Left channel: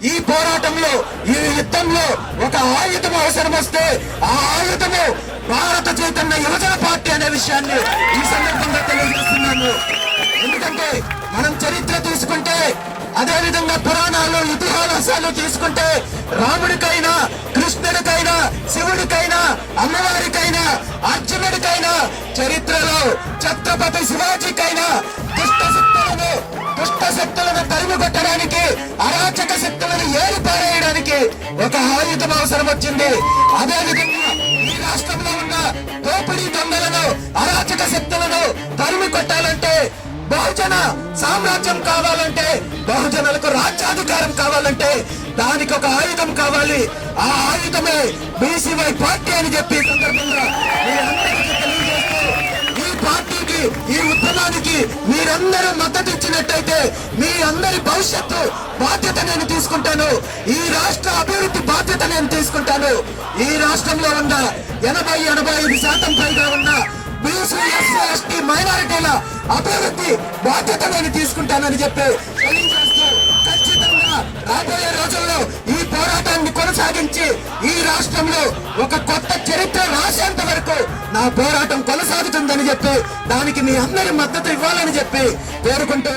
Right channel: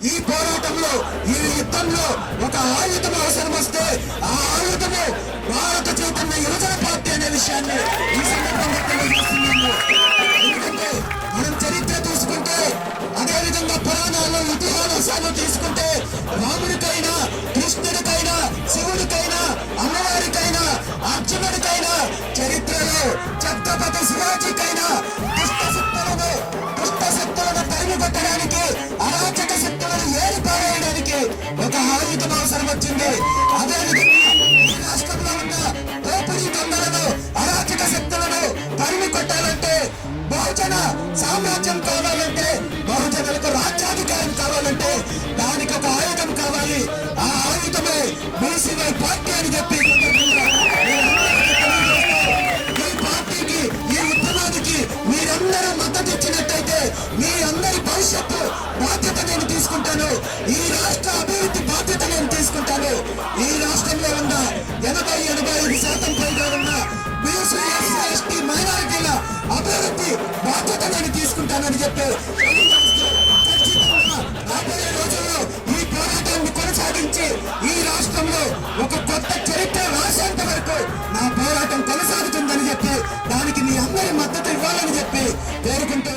ఈ పోరాటంలో ఈ యుద్ధంలో ఒక ఆయుధం అవసరం వస్తే ఆ ఆయుధము భారత చైతన్య యువజన పార్టీ అనే విషయాన్ని ఈ సందర్భంగా తెలియజేస్తున్నాము. ఎందుకంటే మనం చరిత్ర తీసుకుంటే అదే విధంగా పురాణాలు ఇతిహాసాలు తీసుకుంటే రాముడికైనా కృష్ణుడికైనా శివుడికైనా అమ్మవారికైనా అర్జునుడికైనా చరిత్రలో ఛత్రపతి శివాజీకైనా దుష్ట శక్తులను దుష్ట శక్తులను కొట్టడానికి అరాచక శక్తులను ఏరిపారేయడానికి ఒక ఆయుధం అవసరం వచ్చింది. అదే విధంగా ఈ రాష్ట్రంలో ఉన్న దోపిడీ దొంగలను అరాచక శక్తులను తరిమి కొట్టాలంటే బహుజన సామ్రాజ్యం కావాలంటే బహుజనులకు రాజ్యాధికారం కావాలంటే దానికి ఒక ఆయుధం కావాలి. ఆ ఆయుధమే బీసీవై పార్టీ అని చెప్పి ఈ మీరందరూ మద్దతు ఇచ్చినట్టయితే మీ అందరి భవిష్యత్తు బాధ్యత నేను తీసుకుంటాను. ఈ రాష్ట్ర అభివృద్ధి బాధ్యత నేను తీసుకుంటాను. ఈ రాష్ట్రంలో ఉన్న ఎనభై ఎనభై ఐదు శాతం పైగా ఉన్న బీసీ ఎస్సీ ఎస్టీ మైనారిటీల అభివృద్ధి బాధ్యత నేను తీసుకుంటానని చెప్పి ఖచ్చితంగా రాబోయే రోజుల్లో ఈ పోరాటాన్ని కొనసాగించి ఈ రాష్ట్రంలో ఒక కొత్త చరిత్ర వరకు నా పోరాటం కొనసాగుతుందని చెప్పి దానికి మీ అందరి మద్దతు ఇవ్వాలని చెప్పి కోరుకుంటూ